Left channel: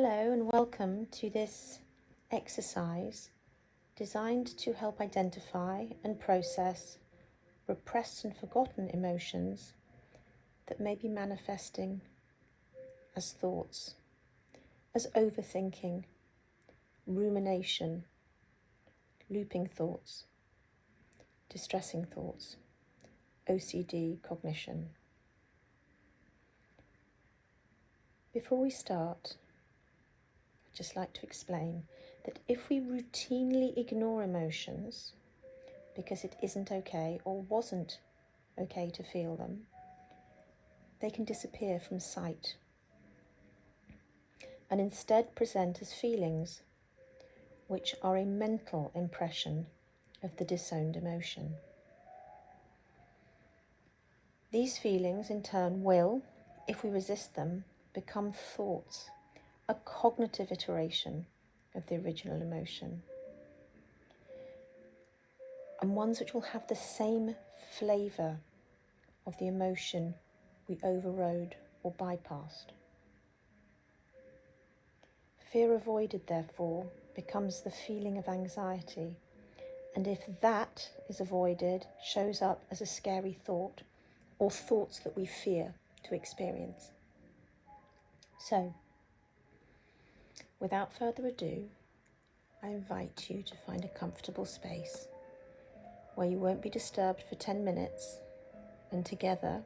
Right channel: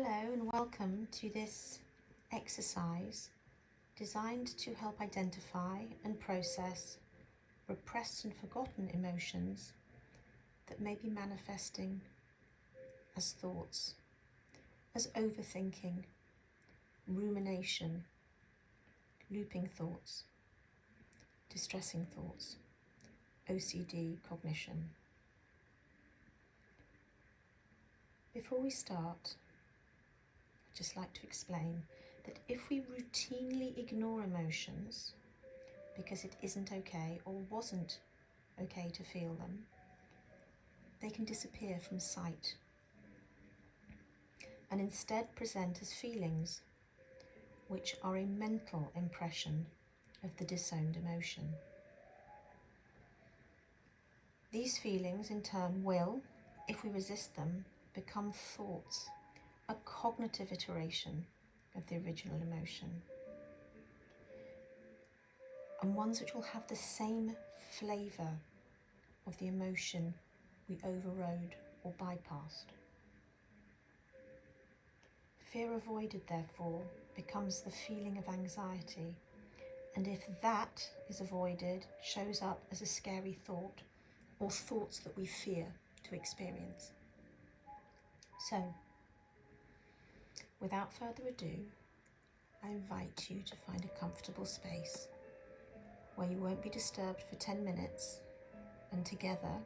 Hello and welcome to this exercise designed to help identify and process repressed and forgotten emotions that may be manifesting as thoughts, as overthinking, rumination, looping thoughts, distressing thoughts, OCD cognition. Before we start, I'd just like to explain that if we routinely ignore emotions because it isn't okay or wasn't okay to feel them, they can disappear from sight and instead present as feelings, which are a mental impression of the disowned emotion. These feelings in turn will, if we resist them, become thoughts, a cognitive iteration of the original emotion, and ones which will have the same flavour of the emotion we overrode or bypassed. Fear avoided, therefore, becomes the feeling of anxiety, and if that is avoided, shows up as a scary thought or thoughts that we fear to experience. So, without further ado, I invite you to find a comfortable space where you won't be disturbed for 10 minutes, and together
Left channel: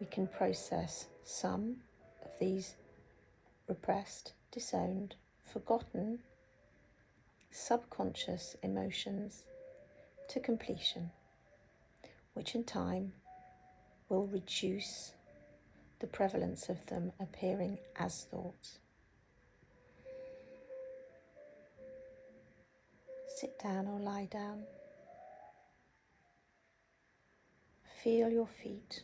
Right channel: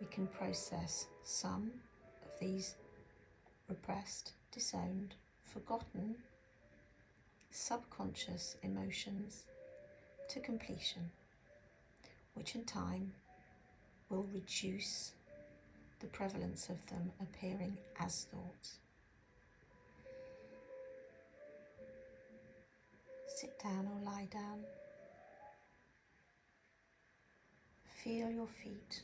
we can process some of these repressed, disowned, forgotten, subconscious emotions to completion, which in time will reduce the prevalence of them appearing as thoughts. Sit down or lie down. Feel your feet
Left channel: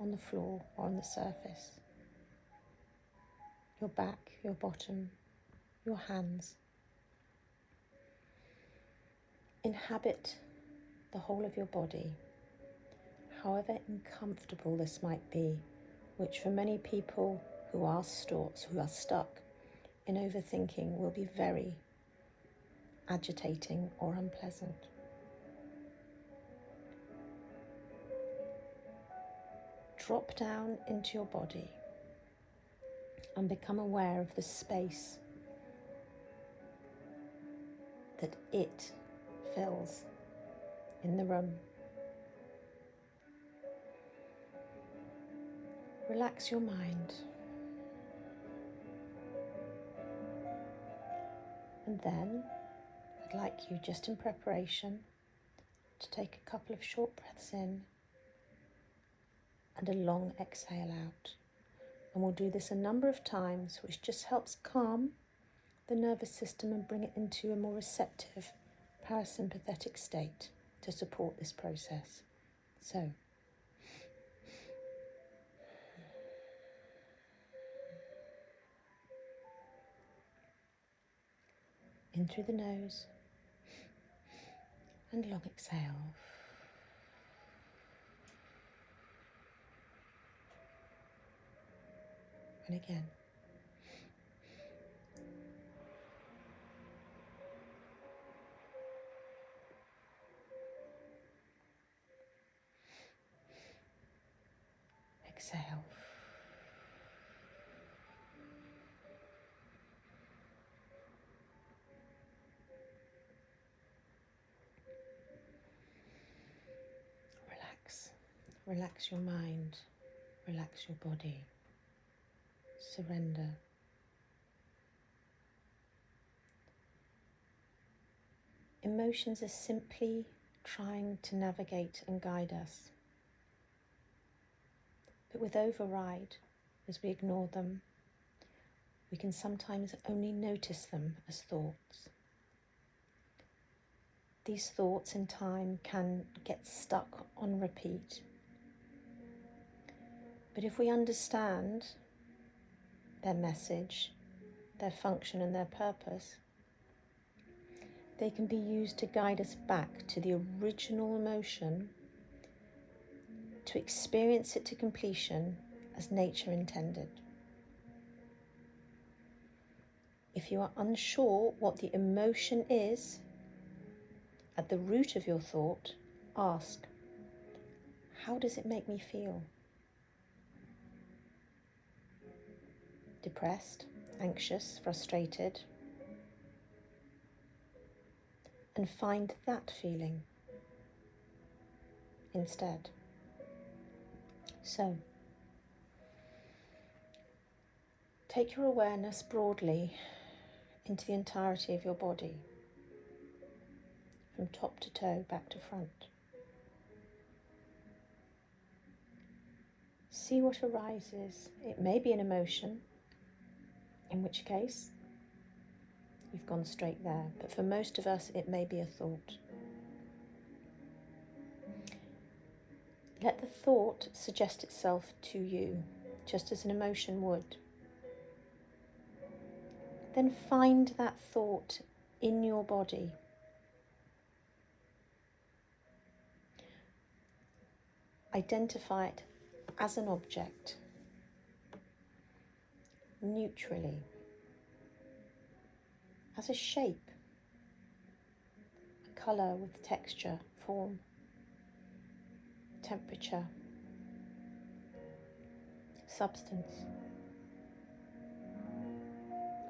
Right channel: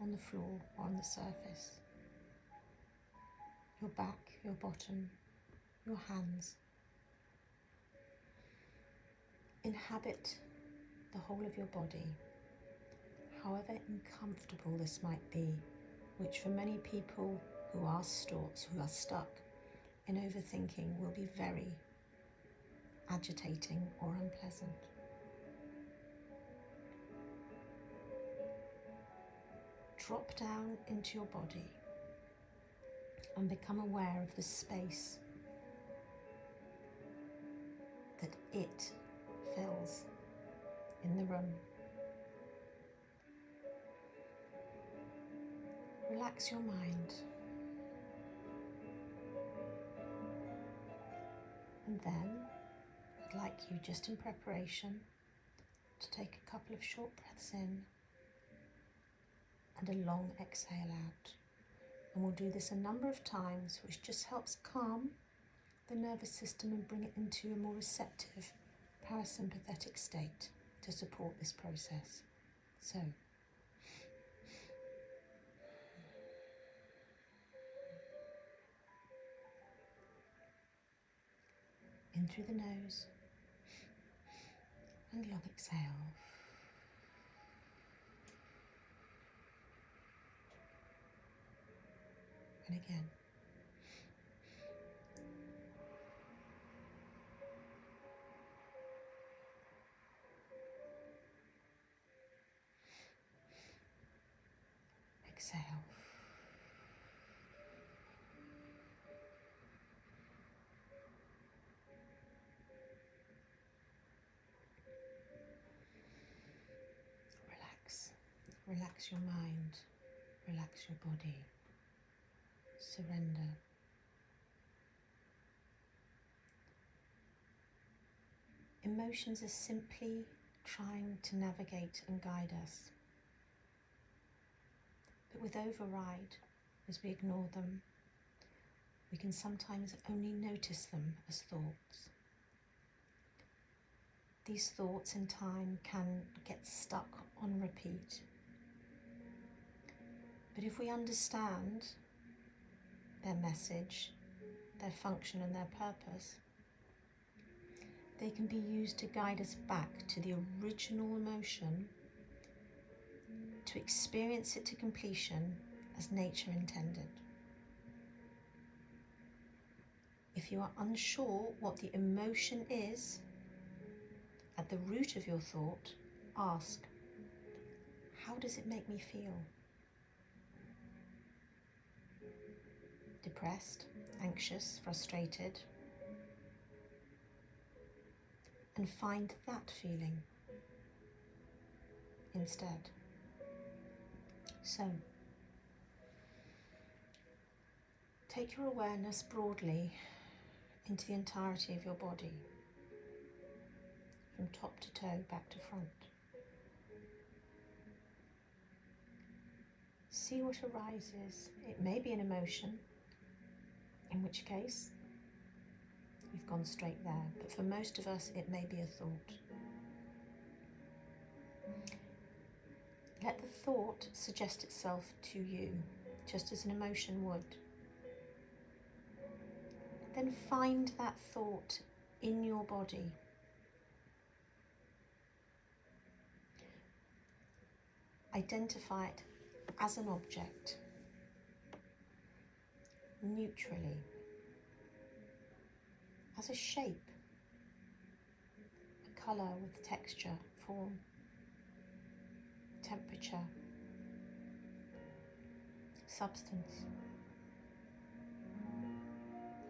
on the floor or on the surface, your back, your bottom, your hands. Inhabit the whole of your body, however uncomfortable this might be, which for many people who are stuck in overthinking will be very agitating or unpleasant. Drop down into your body and become aware of the space that it fills in the room. Relax your mind, and then I'd like you, just in preparation, to take a couple of short breaths in and a long exhale out. And we'll do this a number of times, which just helps calm the nervous system and bring it into a more receptive parasympathetic state to support this process. So, in through the nose and long exhale. And again. Exhale. Relax. Relax your mind. Relax your body. Surrender. Emotions are simply trying to navigate and guide us. But with override, as we ignore them, we can sometimes only notice them as thoughts. These thoughts in time can get stuck on repeat. But if we understand their message, their function and their purpose, they can be used to guide us back to the original emotion, to experience it to completion as nature intended. If you are unsure what the emotion is at the root of your thought, ask, how does it make me feel? Depressed, anxious, frustrated? And find that feeling instead. So, take your awareness broadly into the entirety of your body, from top to toe, back to front. See what arises. It may be an emotion, in which case you've gone straight there, but for most of us it may be a thought. Let the thought suggest itself to you, just as an emotion would. Then find that thought in your body. Identify it as an object, neutrally, as a shape, a colour with texture, form, temperature, substance.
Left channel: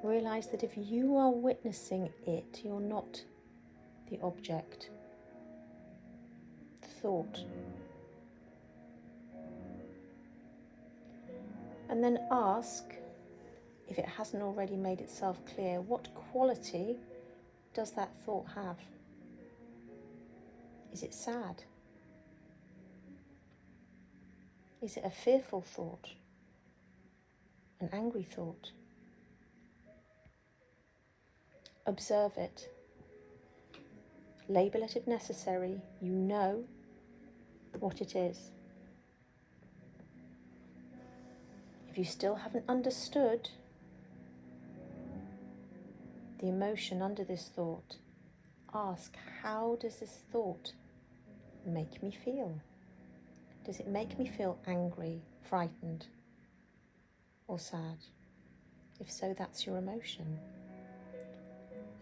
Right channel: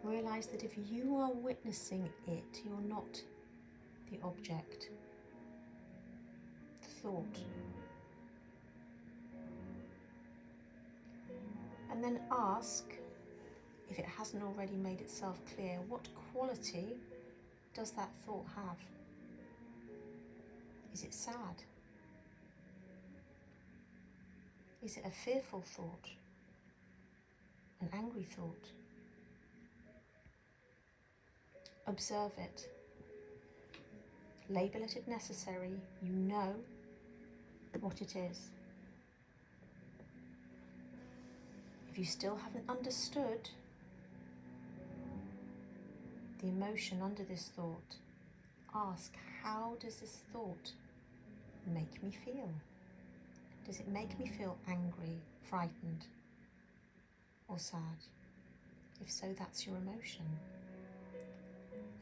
Realise that if you are witnessing it, you're not the object, the thought. And then ask, if it hasn't already made itself clear, what quality does that thought have? Is it sad? Is it a fearful thought? An angry thought? Observe it. Label it if necessary. You know what it is. If you still haven't understood the emotion under this thought, ask, how does this thought make me feel? Does it make me feel angry, frightened, or sad? If so, that's your emotion.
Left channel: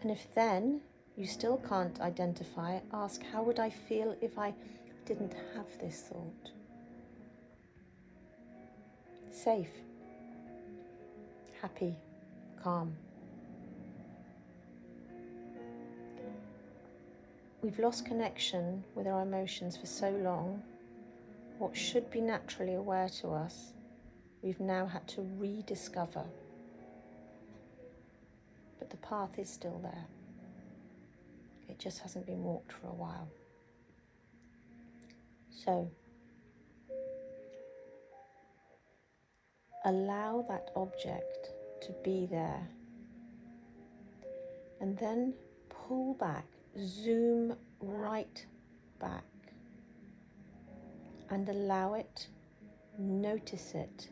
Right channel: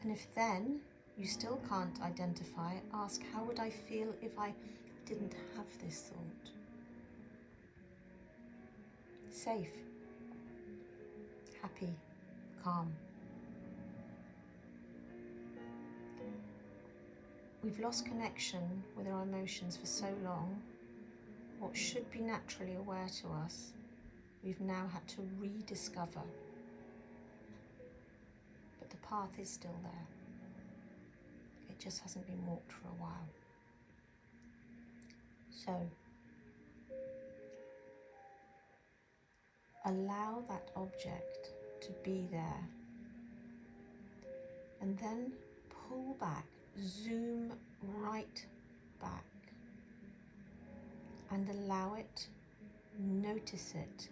And if then you still can't identify it, ask, how would I feel if I didn't have this thought? Safe, happy, calm. We've lost connection with our emotions for so long. What should be naturally aware to us, we've now had to rediscover. But the path is still there. It just hasn't been walked for a while. So, allow that object to be there. And then pull back, zoom right back. And allow it, notice it,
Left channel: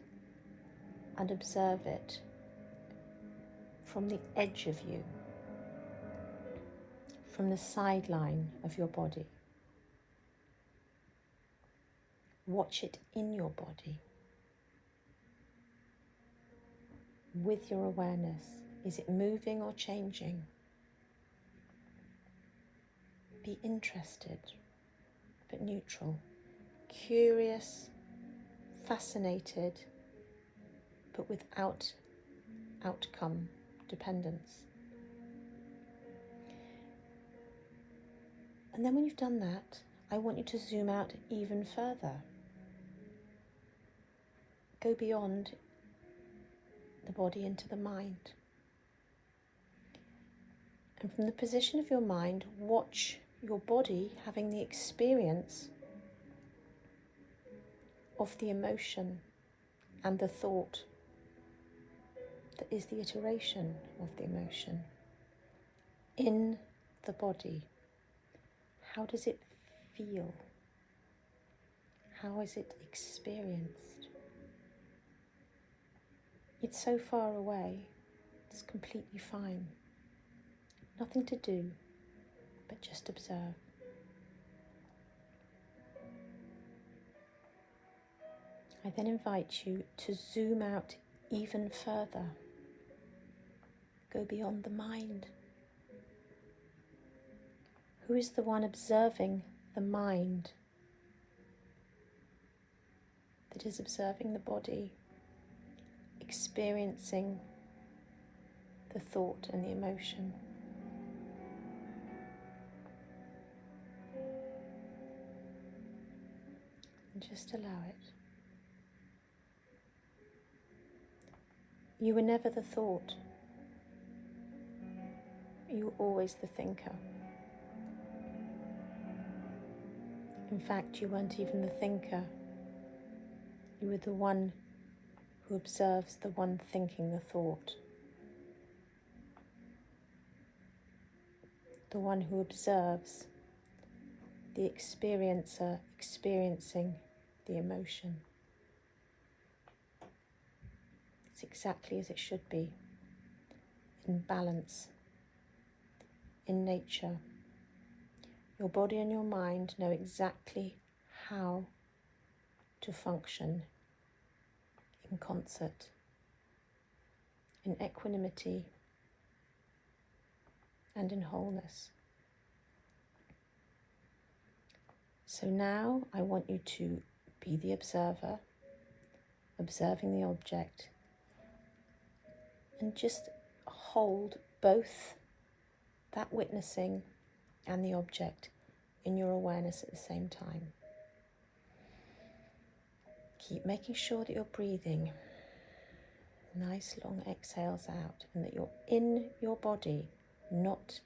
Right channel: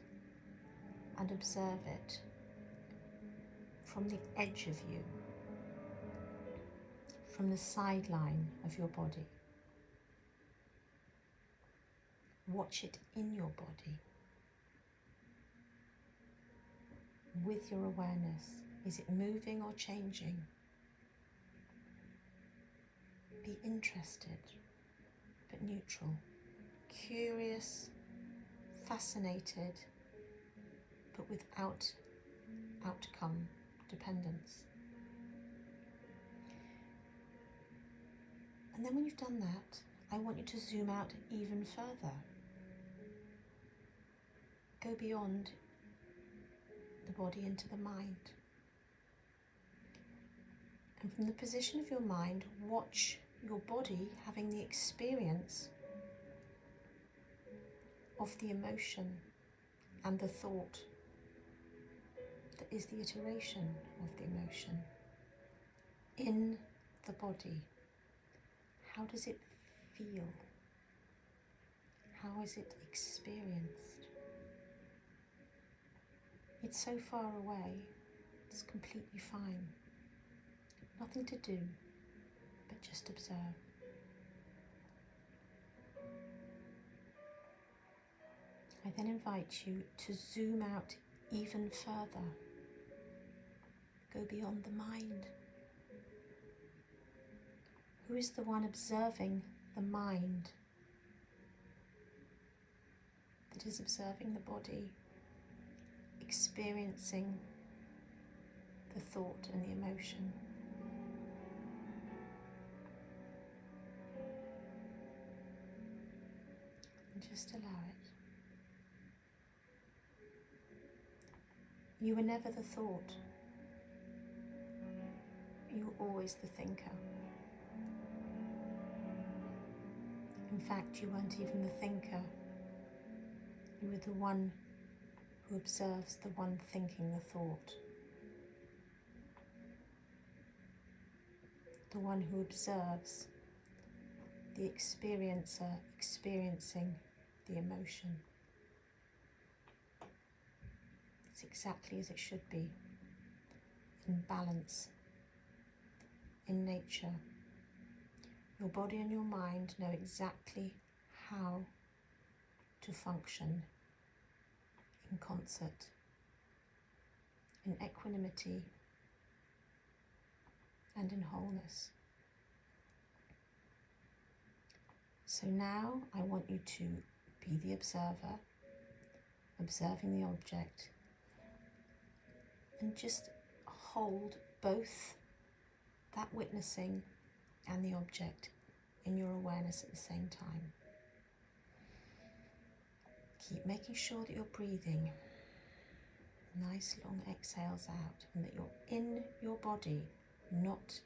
and observe it from the edge of you, from the sideline of your body. Watch it in your body. With your awareness, is it moving or changing? Be interested, but neutral. Curious, fascinated, but without outcome dependence. And then when you've done that, I want you to zoom out even further. Go beyond the body into the mind. And from the position of your mind, watch your body having the experience of the emotion and the thought that is the iteration of the emotion in the body. How does it feel? How is it experienced? It's so far away, it's completely fine. Nothing to do, but just observe. I then invite you to zoom out even further. go beyond the mind. Who is the one observing the mind that is observing the body, experiencing the thought and the emotion? And just allow it. You were never the thought. You were always the thinker. In fact, you weren't even the thinker. You were the one who observes the one thinking the thought. The one who observes the experiencer experiencing the emotion. It's exactly as it should be, in balance, in nature. Your body and your mind know exactly how to function in concert, in equanimity and in wholeness. So now I want you to be the observer, observing the object, and just hold both that witnessing and the object in your awareness at the same time. Keep making sure that you're breathing nice long exhales out and that you're in your body, not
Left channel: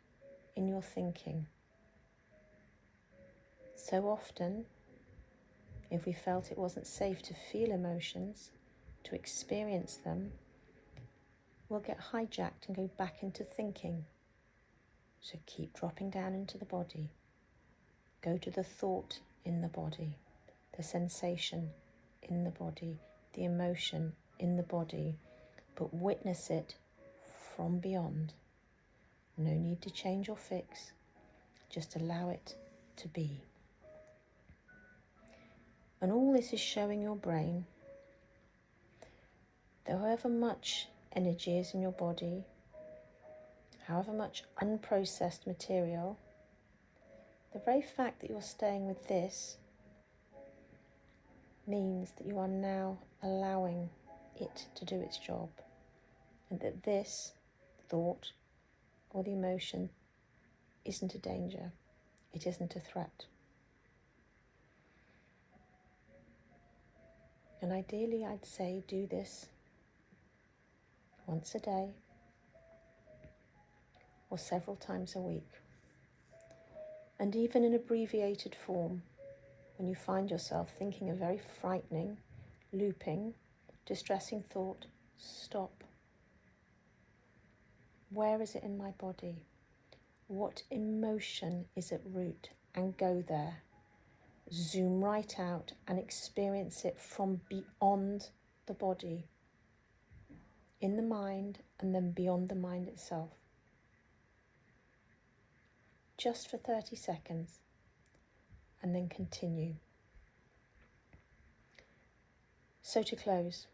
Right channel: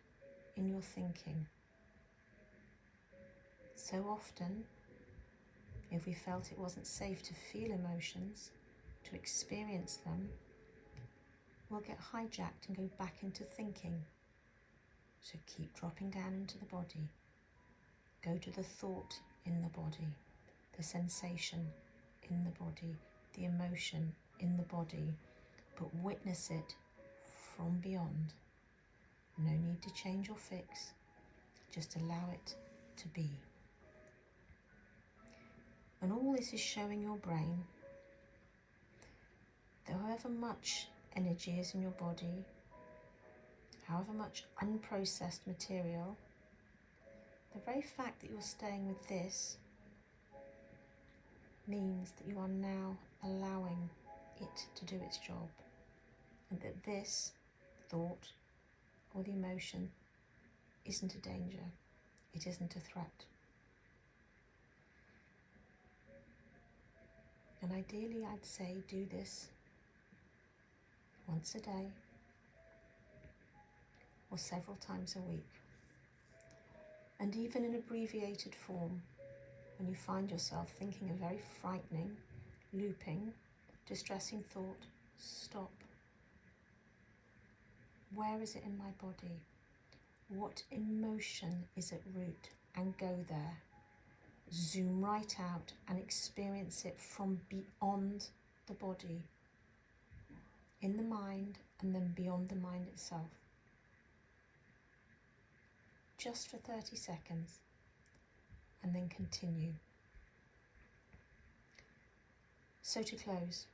in your thinking. So often, if we felt it wasn't safe to feel emotions, to experience them, we'll get hijacked and go back into thinking. So keep dropping down into the body. Go to the thought in the body, the sensation in the body, the emotion in the body, but witness it from beyond. No need to change or fix, just allow it to be. And all this is showing your brain that however much energy is in your body, however much unprocessed material, the very fact that you're staying with this means that you are now allowing it to do its job, and that this thought or the emotion isn't a danger, it isn't a threat. And ideally, I'd say do this once a day or several times a week. And even in abbreviated form, when you find yourself thinking a very frightening, looping, distressing thought, stop. Where is it in my body? What emotion is at root? And go there. Zoom right out and experience it from beyond the body, in the mind, and then beyond the mind itself. Just for 30 seconds, and then continue. So to close,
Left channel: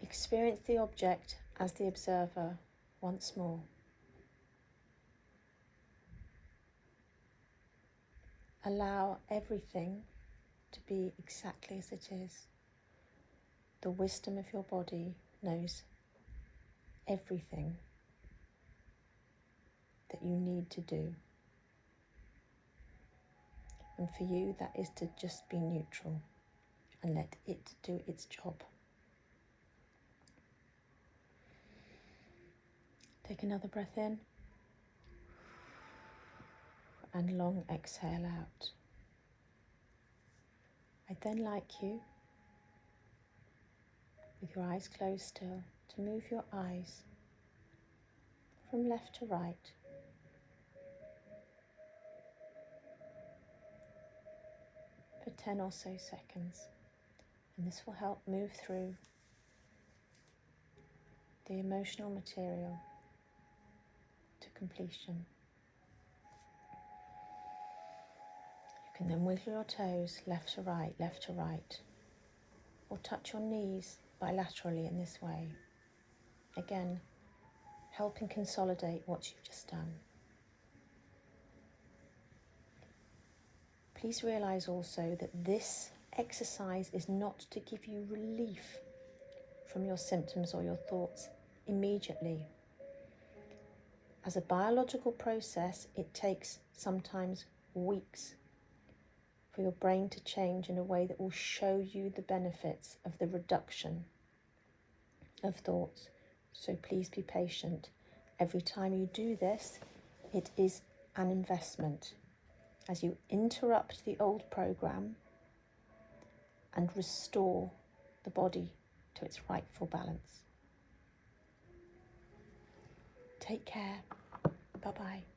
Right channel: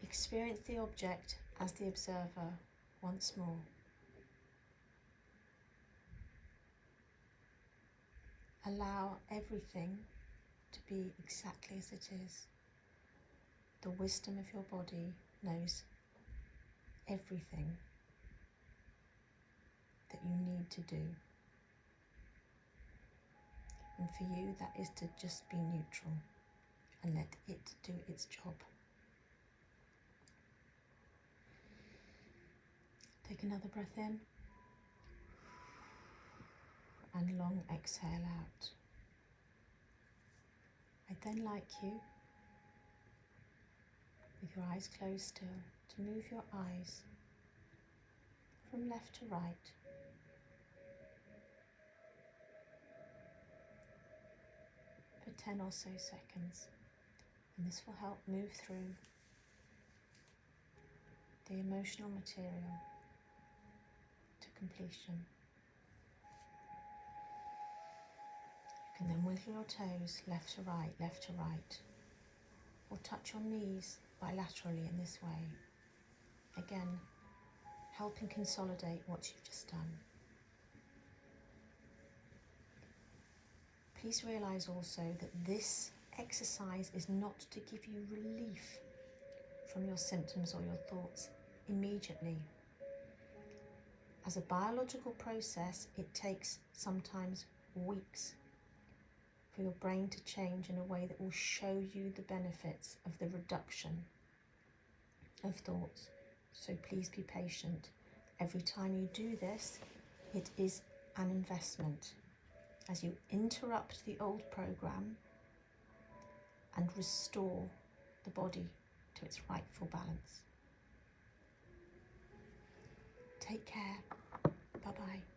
experience the object as the observer once more. Allow everything to be exactly as it is. The wisdom of your body knows everything that you need to do. And for you, that is to just be neutral and let it do its job. Take another breath in and long exhale out. I'd then like you, with your eyes closed still, to move your eyes from left to right. For 10 or so seconds, and this will help move through the emotional material to completion. You can then wiggle your toes left to right, or touch your knees bilaterally in this way. Again, helping consolidate what you've just done. Please realise also that this exercise is not to give you relief from your symptoms or your thoughts immediately. As a biological process, it takes sometimes weeks for your brain to change in a way that will show you the benefits of the reduction of thoughts. So please be patient. Every time you do this, it is an investment as you interrupt the old program and restore the body to its rightful balance. Take care. Bye-bye.